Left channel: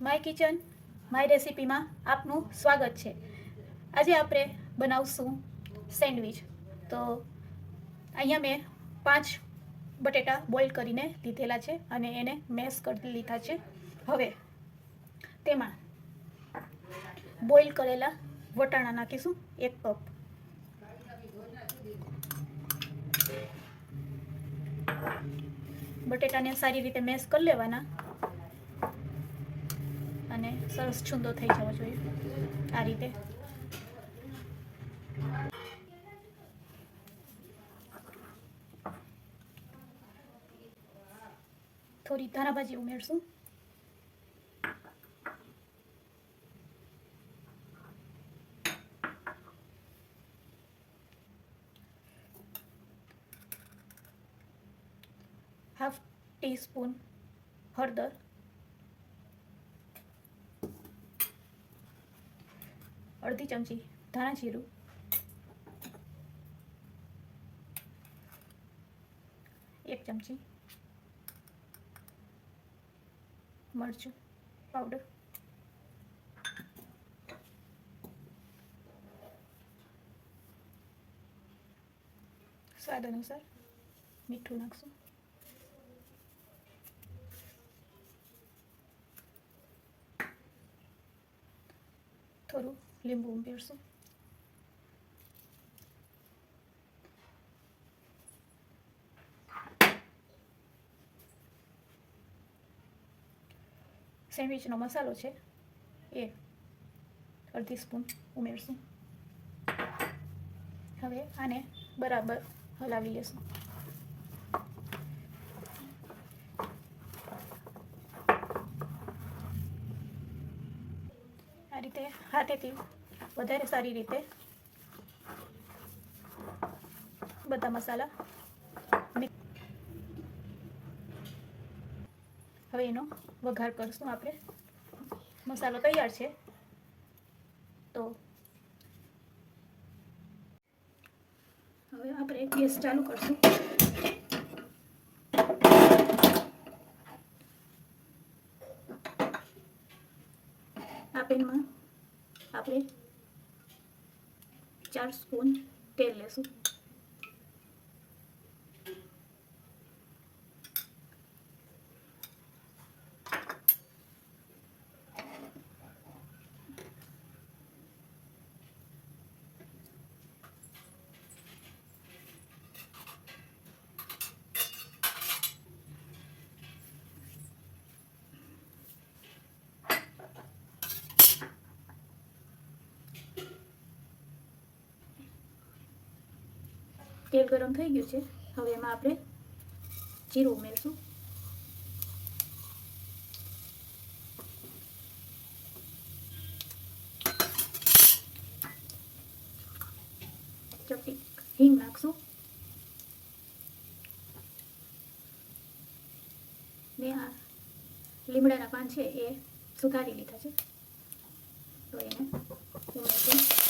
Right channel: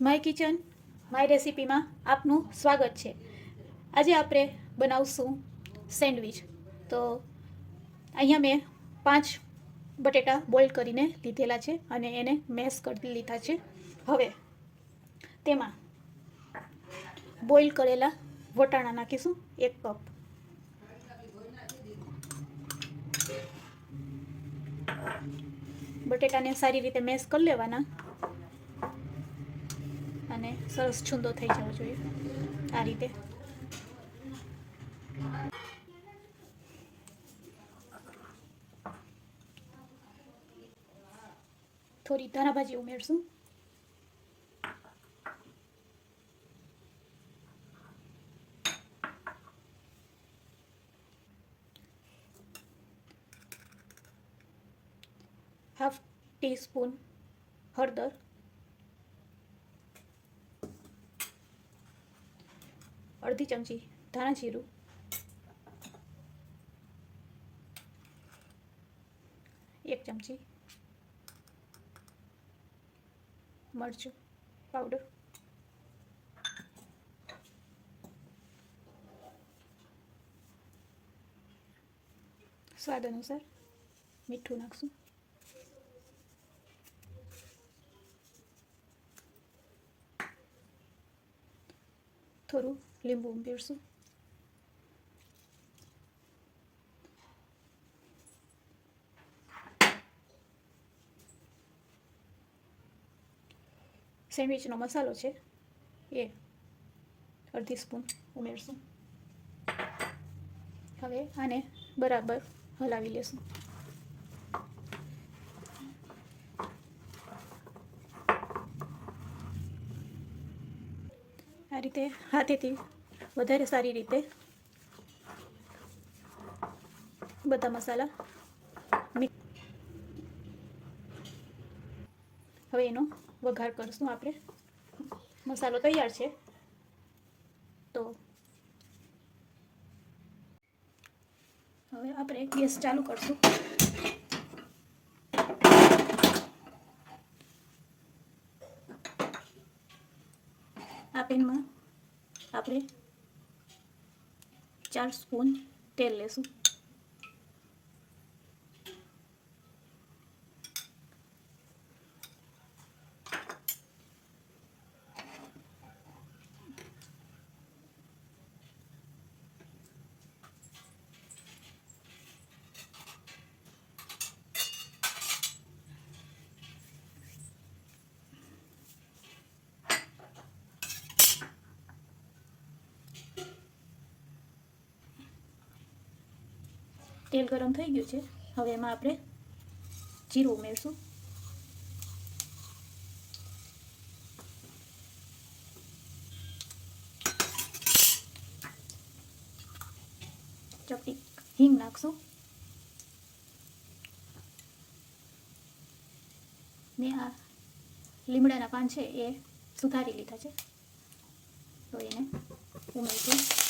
My kitchen, my રેસીપીમાં આપનું સ્વાગત છે. આજે આપણે બનાવશું સેન્ડવિચ. તો અહીંયા મેં પાંચ બટેટા બોઇલ કરીને લીધેલા છે અને એને મેશ કરી લીધા છે. હવે તેમાં બોઇલ કરેલા વટાણા નાખીશું, એક કપ. બટેટાને સારી રીતે મેશ કરી લેવાના. અને સરસ છૂંદો થઈ જવો જોઈએ આ રીતે થોડી ધારાભાજી ઉમેરશું હાફ ટીસ્પૂન હળદર અડધી ચમચી ધાણા જીરું. એક ચમચી મરચું પાવડર સ્વાદ અનુસાર મીઠું નાખશું. થોડું લીંબુ ઉમેરશું સેન્ડવિચનો મસાલો છે એ અડધી સ્પૂન ઉમેરશું હવે આને બરાબર હલાવી લેશું આ રીતે હાથેથી વધારે સારી રીતે. બધા મસાલા હવે એનો વઘાર કરશું આપણે. મસાલો તૈયાર છે. તો હવે આપણે ગેસ ચાલુ કરશું. આ પેનમાં આપણે ચાર સ્પૂન તેલ તેલ ગરમ થઈ ગયું છે. હવે એમાં આપણે જીરું ઉમેરશું. ચપટી હિંગ નાખશું. ને આ લીમડાના પાન છે એ સુધારી લીધા છે તો એને ઉમેરશું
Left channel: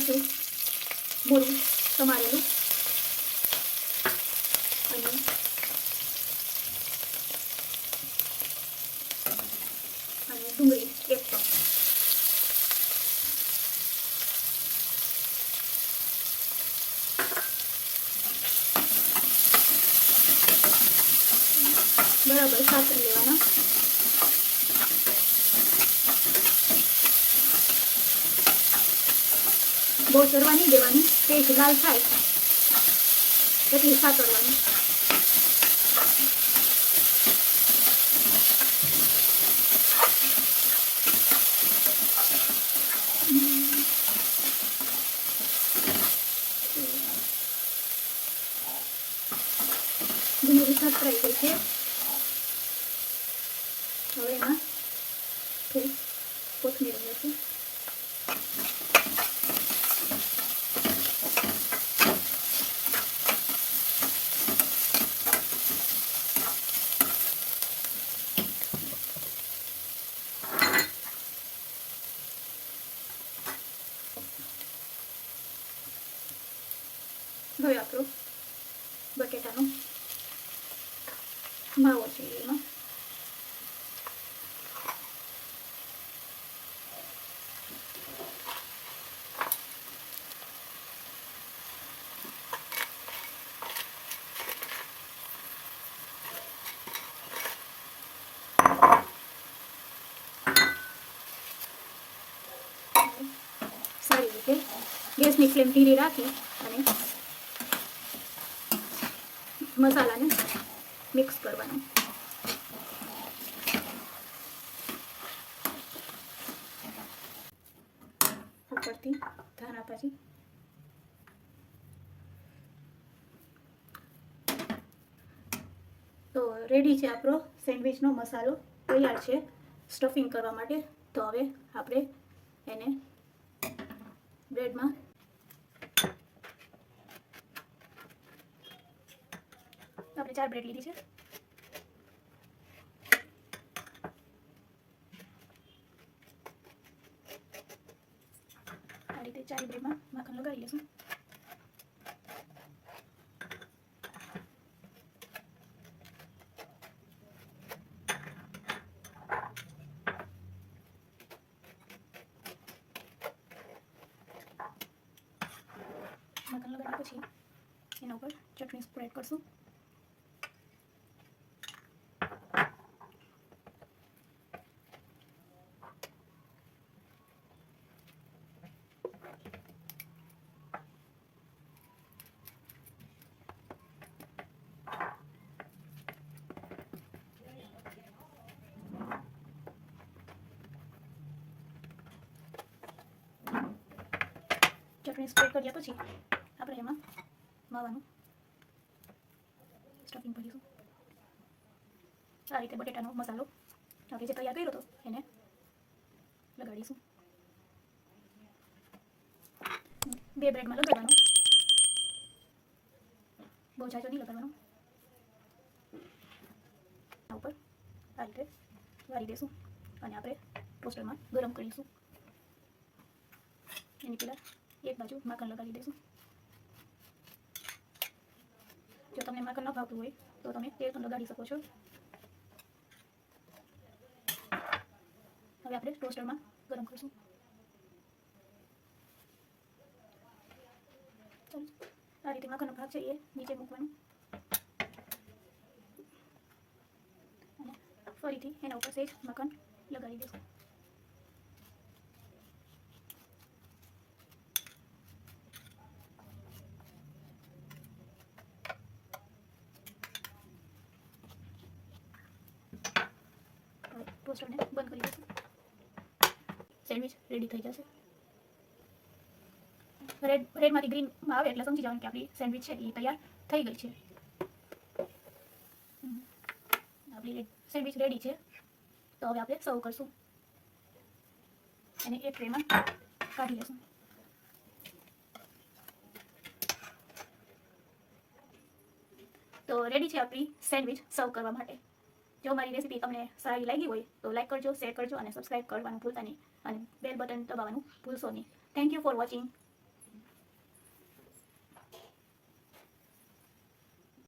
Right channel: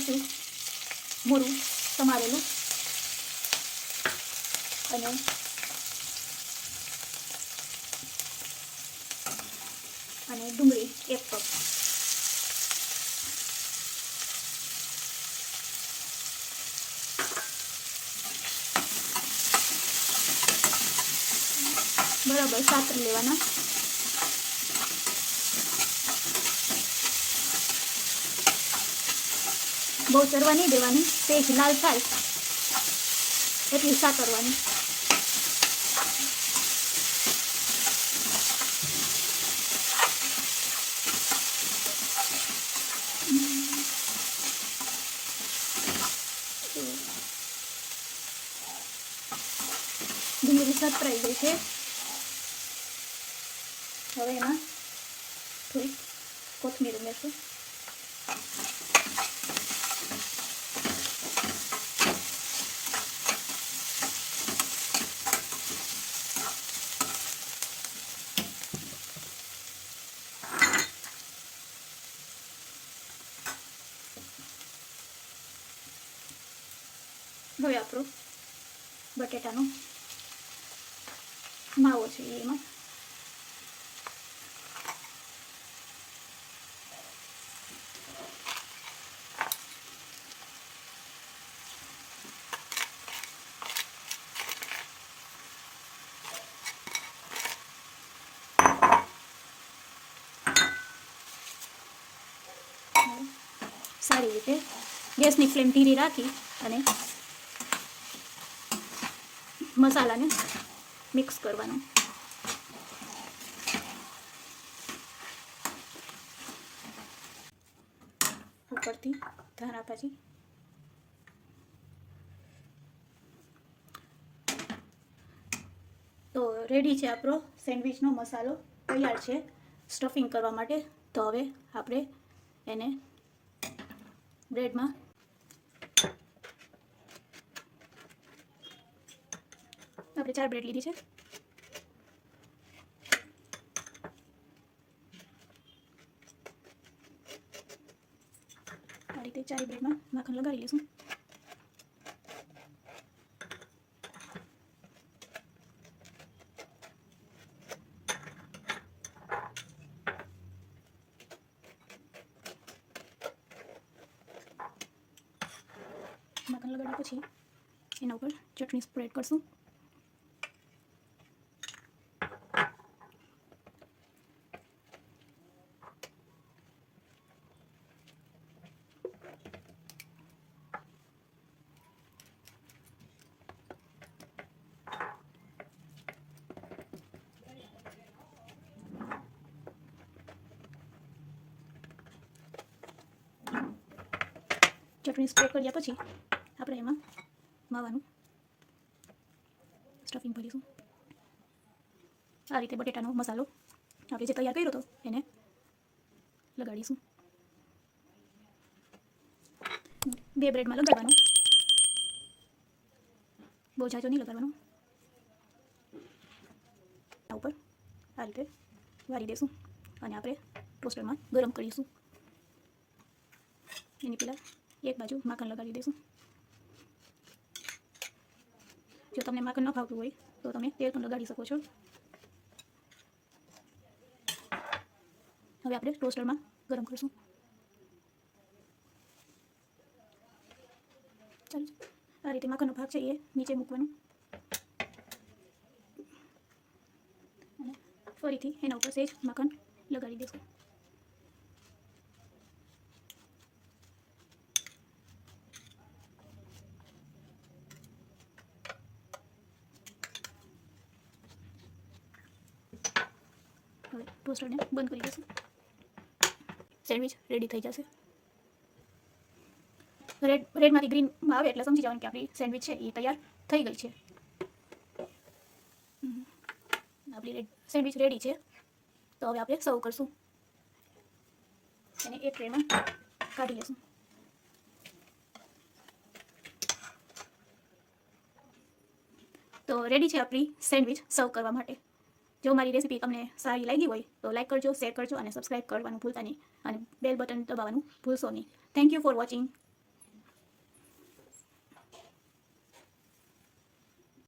એક મરચું મૂળું સમારેલું અને અને ડુંગળી એક કપ બરાબર સાતરી લેવાના બહુ ચરવા નહીં દેવાની પેજ લાલ થાય. એટલી સા કરવાની? છે હવે એમાં થોડી કોથમીર ઉમેરશું. હવે આપણો બટેટાનો માવો છે એમાં સારી રીતે ગેસની ફ્લેમ ધીરી રાખી અને મસાલાને મિક્સ કરવાનો. ઉપરથી ધાણા ભાજી તો રેડી છે આપણો સેન્ડવિચનો મસાલો. તૈયાર છે સ્ટફિંગ કરવા માટે. તો હવે આપણે એને બ્રેડમાં આપણે ચાર બ્રેડ લીધી છે. આ રીતે ચાર બ્રેડમાં માખણ લગાડી લઈશું. માખણ લગાડ્યા પછી એના ઉપર ચટણી સ્પ્રેડ કરશું. ચટણી સ્પ્રેડ કર્યા પછી આપણે એમાં માવાનું સ્ટફિંગ ભરીશું. આ રીતે બટેટાનો મસાલો આપણે જે તૈયાર કર્યો હતો એને લગાડીશું. બે બ્રેડમાં લગાડવાનું. બહુ જાજો નહીં લગાડવાનું. આ ઉપર આ રીતે વારી દઈશું અને આપણે ટોસ્ટરમાં ગરમ કરીશું. એની પહેલાં એક બાજુ માખણ લગાડી દઈશું જો તમને માખણ ન ભાવતું હોય, તો તમે તેલ પણ લગાડી શકો છો. હવે આપણે ટોસ્ટરમાં ગરમ કરીશું. આ રીતે માખણનો ભાગ છે એ નીચે મૂકવાનું. ફરીથી એના ઉપર સેજ માખણ લગાડી દઈશું હવે બંધ કરી દઈશું સેન્ડવિચ રેડી થઈ જશે. રેડ રેડમાંથી ગ્રીનમાં આવે એટલે સમજી જવાનું કે આપણી સેન્ડવિચ છે, એ તૈયાર થઈ ગઈ છે. આપણી રેડ સેન્ડવિચ રેડી છે. તો હવે આપણે સર્વ કરશું. એને એક ટ્રેમાં કાઢી લઈશું તો રેડી છે આપણી સેન્ડવિચ સર્વ કરવા માટે. જો મારી રેસીપી તમને સારી લાગી હોય તો લાઇક કરજો શેર કરજો અને સબસ્ક્રાઇબ કરવાનું ભૂલતા નહીં. અને બેલ બટન દબાવવાનું ભૂલશો નહીં. Thank you for watching